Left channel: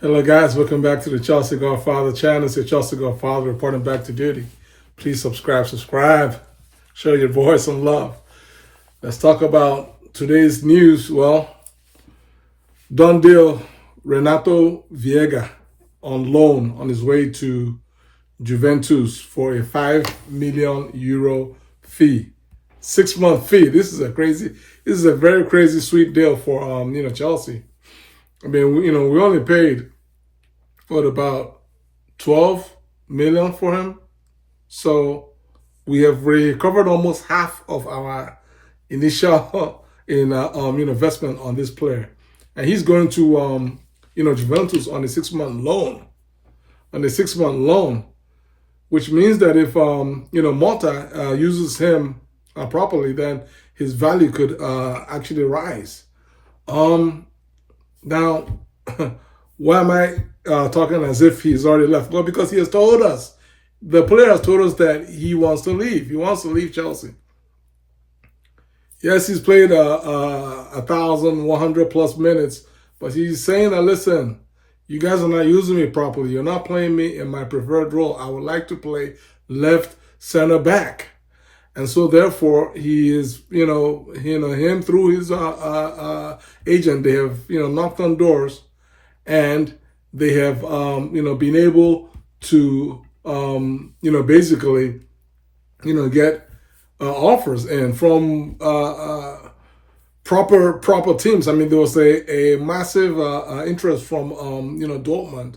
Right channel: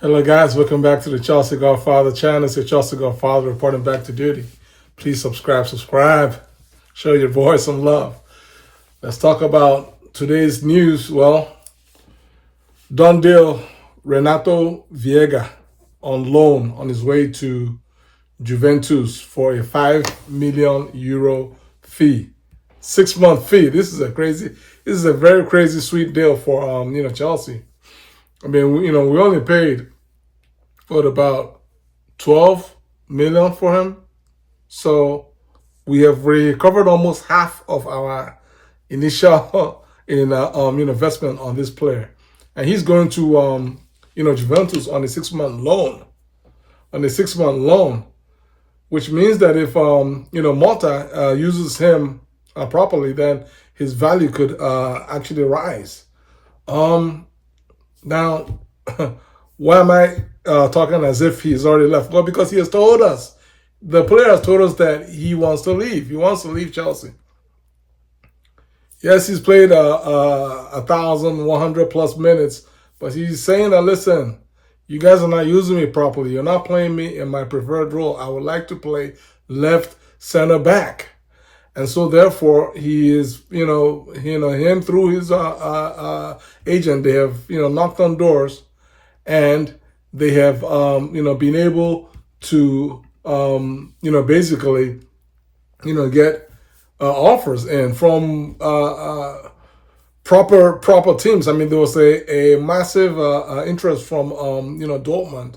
Hello guys, welcome back to the Chelsea Godfather channel. It's your Chelsea Godfather reporting back to duty. Please subscribe. Show your boy some love. Let's talk about today's news. Well, done deal. Renato Viega on loan on his way to Juventus for a €5 million fee. 6-month fee. This is a very crazy sweet deal for Chelsea. I mean, we only paid about 12 million for him. So we have recovered almost half of our initial investment on this player. And he's going to Juventus on a 6-month loan. Which means that if Malta uses him properly, then his value could actually rise. Now, why am I talking as if he's already left? Well, because he has told us, the player has told us that he wants to leave. He wants to leave Chelsea. Yes, he's played 1,100 plus minutes, but he's saying that, listen, you guys are not using me properly. You're not playing me in my preferred role. I would like to play left center back. And so therefore he is, him through his agent, they have, knocked on doors and they have, been able to, basically, get offers in from proper teams. I mean, there was a massive interest from, Dortmund.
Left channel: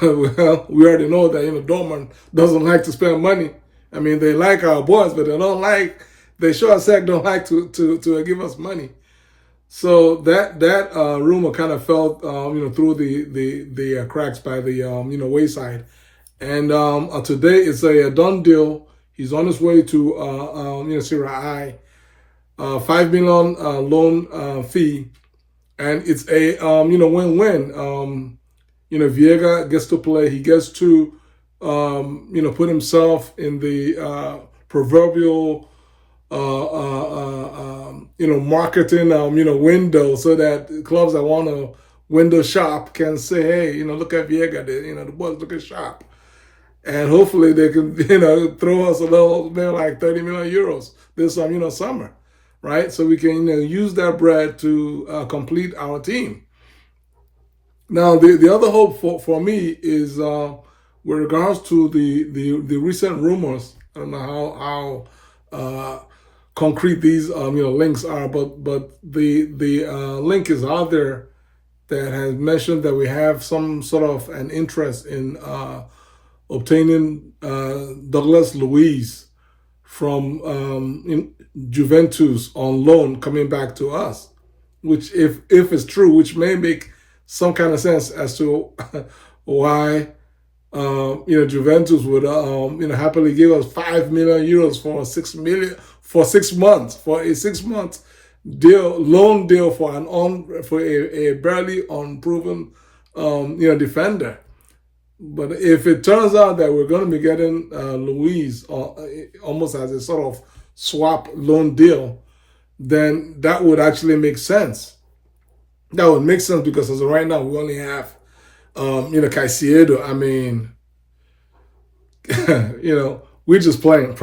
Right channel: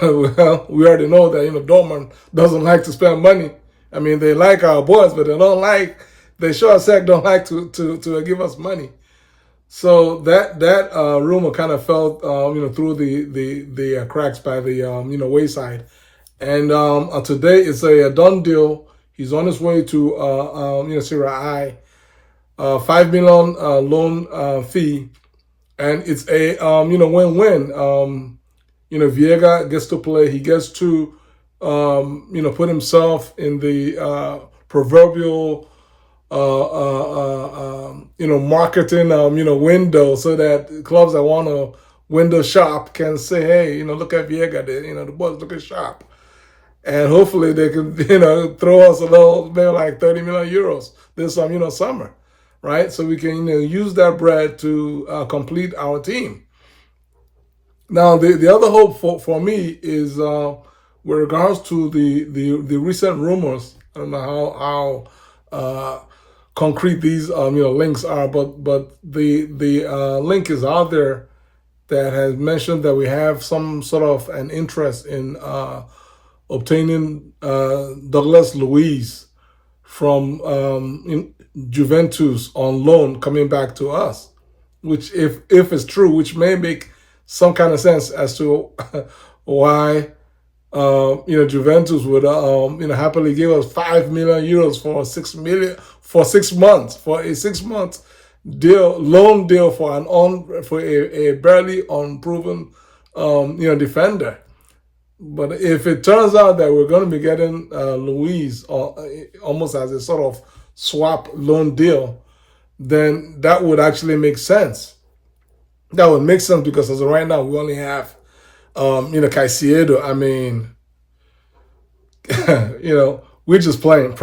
Well, we already know that, Dortmund doesn't like to spend money. I mean, they like our boys, but they sure as heck don't like to give us money. So that rumor kind of fell, through the cracks by the, wayside. And today it's a done deal. He's on his way to, Serie A, $5 million loan fee. And it's a, win-win. Viega gets to play. He gets to, put himself in the proverbial, marketing, window, so that clubs that want to window shop can say, hey, look at Viega, the boys looking sharp. And hopefully they can, throw us a little, maybe like 30 million euros this, summer, right? So we can, use that bread to complete our team. Now, the other hope for me is, with regards to the recent rumors. I don't know how concrete these links are, but the link is out there that has mentioned that we have some sort of an interest in obtaining Douglas Luiz from Juventus on loan coming back to us, which if it's true, which may make some kind of sense as to why Juventus would happily give us €5 million for 6 months, for a 6-month loan deal for a barely unproven defender. But if it turns out that we're going to be getting Luiz almost as a sort of swap loan deal, then that would actually make sense. That would make sense because as of right now we only have Caicedo. I mean, we're just praying.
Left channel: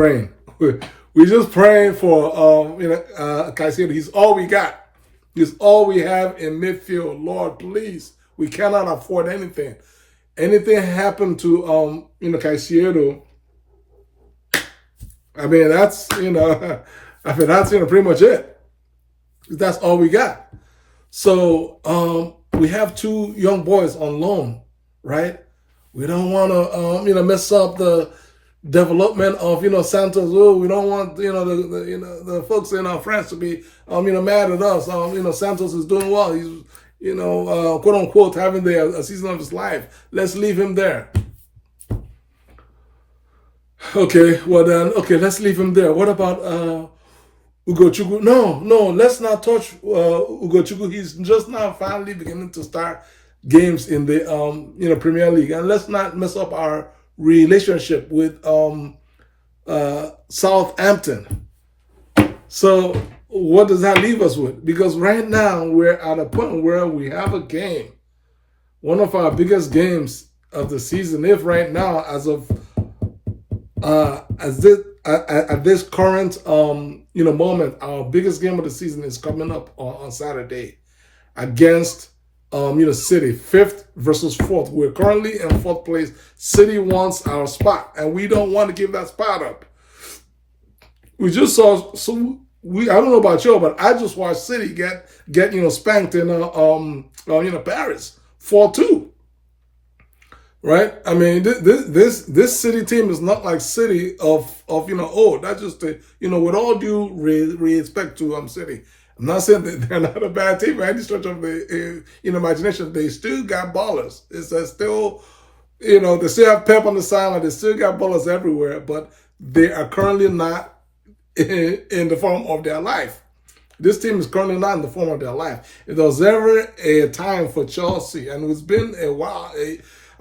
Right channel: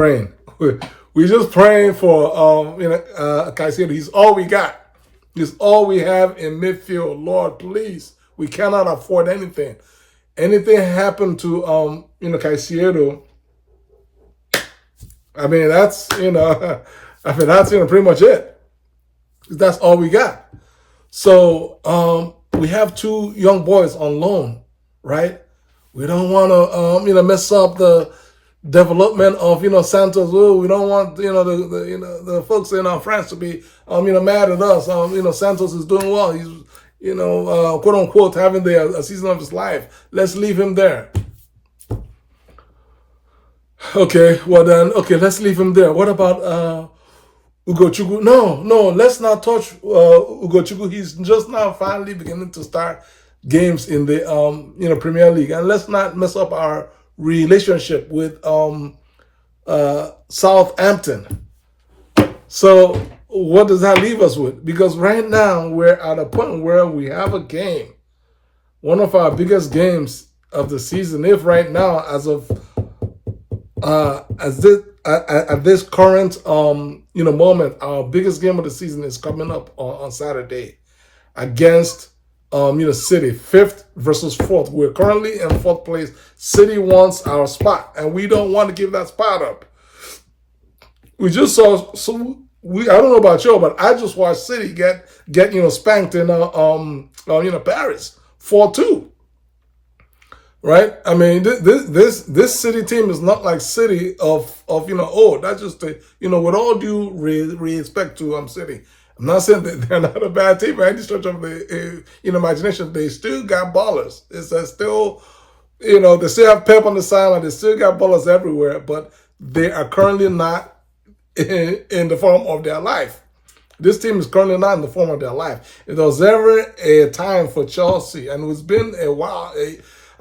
We're just praying for, Caicedo. He's all we got. He's all we have in midfield. Lord, please, we cannot afford anything. Anything happened to, Caicedo, I mean, that's, that's pretty much it. That's all we got. So, we have 2 young boys on loan, right? We don't want to, mess up the development of, Santos. Oh, we don't want, the folks in France to be, mad at us. Santos is doing well. He's, quote unquote, having a season of his life. Let's leave him there. Okay, well then, let's leave him there. What about Ugochukwu? No, let's not touch Ugochukwu. He's just now finally beginning to start games in the Premier League, and let's not mess up our relationship with Southampton. So what does that leave us with? Because right now we're at a point where we have a game one of our biggest games of the season. If right now, as of at this current moment, our biggest game of the season is coming up on Saturday against City, 5th versus 4th. We're currently in 4th place. City wants our spot, and we don't want to give that spot up. We just saw I don't know about you, but I just watched City get spanked in Paris 4-2. Right? I mean, this City team is not like City of that's just with all due respect to City. I'm not saying that they're not a bad team by any stretch of the imagination. They still got ballers. It's still, they still have Pep on the sideline. They still got ballers everywhere, but they are currently not in the form of their life. This team is currently not in the form of their life. If there was ever a time for Chelsea, and it's been a while,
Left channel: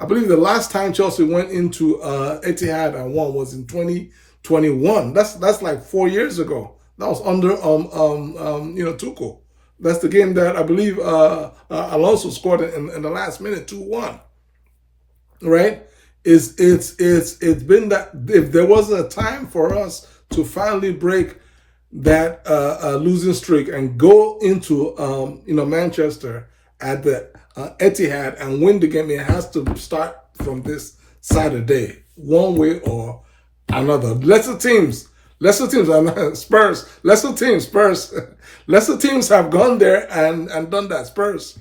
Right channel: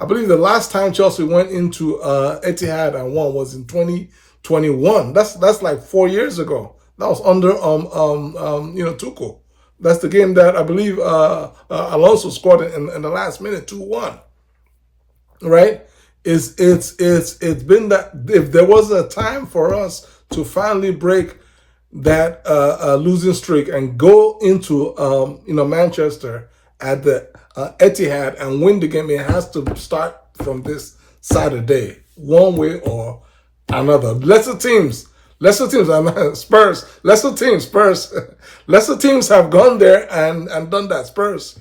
I believe the last time Chelsea went into Etihad and won was in 2021. That's like 4 years ago. That was under Tuchel. That's the game that I believe Alonso scored in the last minute, 2-1. Right? It's been that. If there was a time for us to finally break that losing streak and go into Manchester at the Etihad and win the game, it has to start from this Saturday, one way or another. Lesser teams, Spurs. Lesser teams have gone there and done that. Spurs.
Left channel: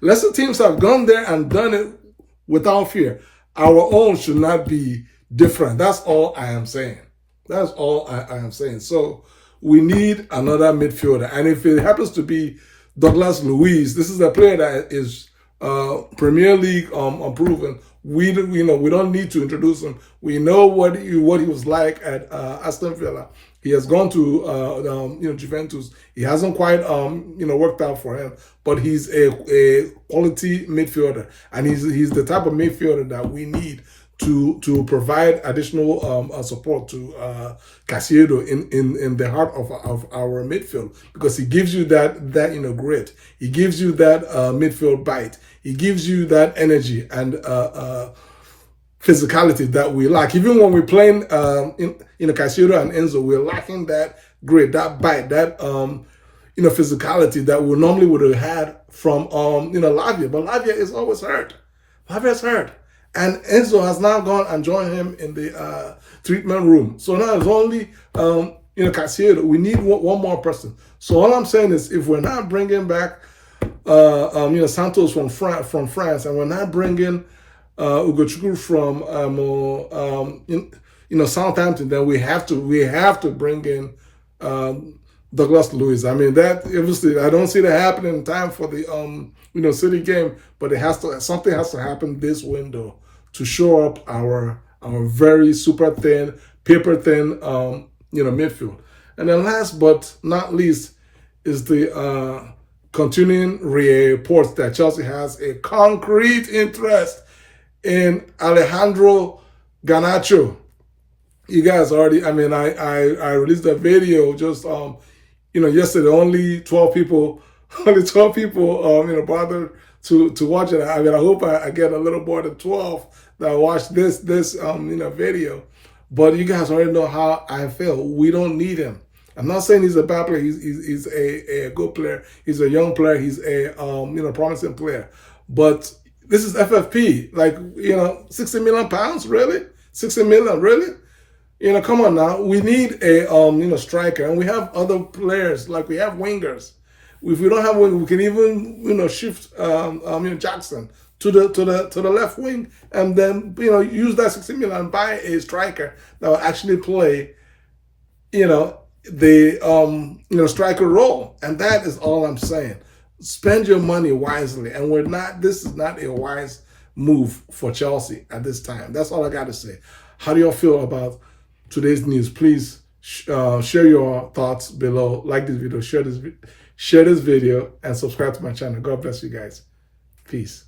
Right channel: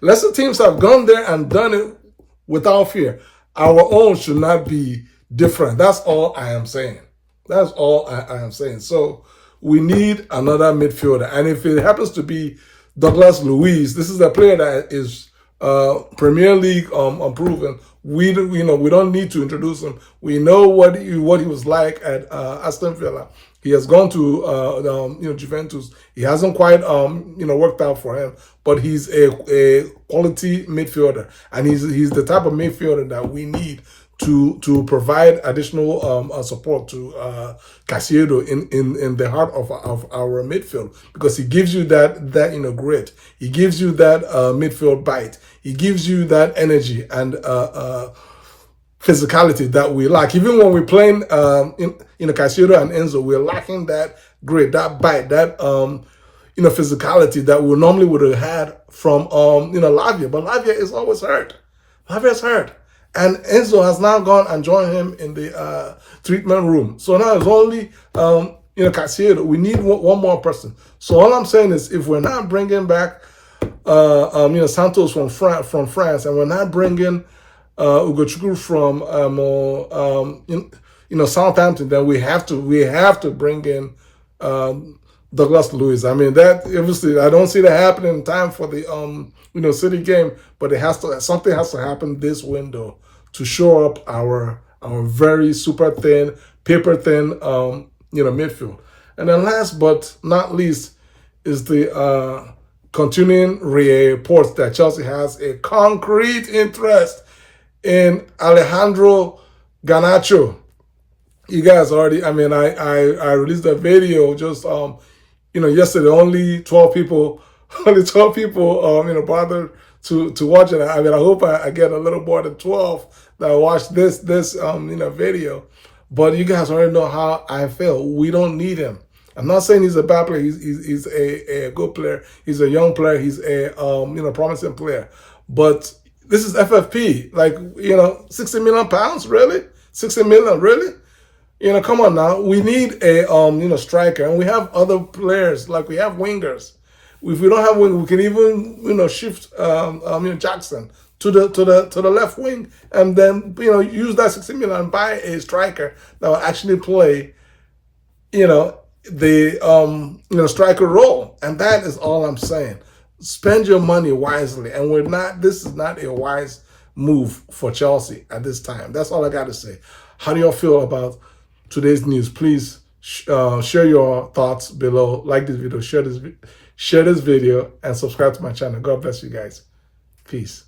Lesser teams have gone there and done it without fear. Our own should not be different. That's all I am saying. That's all I am saying. So we need another midfielder. And if it happens to be Douglas Luiz, this is a player that is Premier League proven. We don't need to introduce him. We know what he was like at Aston Villa. He has gone to Juventus. He hasn't quite worked out for him, but he's a quality midfielder, and he's the type of midfielder that we need to provide additional support to Caicedo in the heart of our midfield, because he gives you that grit. He gives you that midfield bite. He gives you that energy and physicality that we lack. Even when we're playing Caicedo and Enzo, we're lacking that grit, that bite, that physicality that we normally would have had from Lavia. But Lavia is always hurt. Lavia's hurt. And Enzo has now gone and joined him in the treatment room. So now it's only Caicedo. We need one more person. So all I'm saying is, if we're not bringing back Santos from France, and we're not bringing Ugochukwu from Southampton, then we have to bring in Douglas Luiz. I mean, that obviously I don't see that happening in time for the City game, but something has to happen this window to shore up our very super thin, paper thin midfield. And then last but not least is the continuing reports that Chelsea has a concrete interest in Alejandro Garnacho. You guys already, I released a video just yesterday. Only 12 people bothered to watch it. I hope I get a little more than 12 that watch this video. But you guys already know how I feel. We don't need him. I'm not saying he's a bad player. He's a good player. He's a young player. He's a promising player. But this is FFP. Like, 60 million pounds, really? 60 million, really? Come on now. We need a striker, and we have other players, like we have wingers. If we don't have wing, we can even shift Jackson to the left wing, and then use that 60 million and buy a striker that will actually play the striker role. And that is all I'm saying. Spend your money wisely, and this is not a wise move for Chelsea at this time. That's all I got to say. How do y'all feel about today's news? Please share your thoughts below. Like this video, share this video, and subscribe to my channel. God bless you guys. Peace.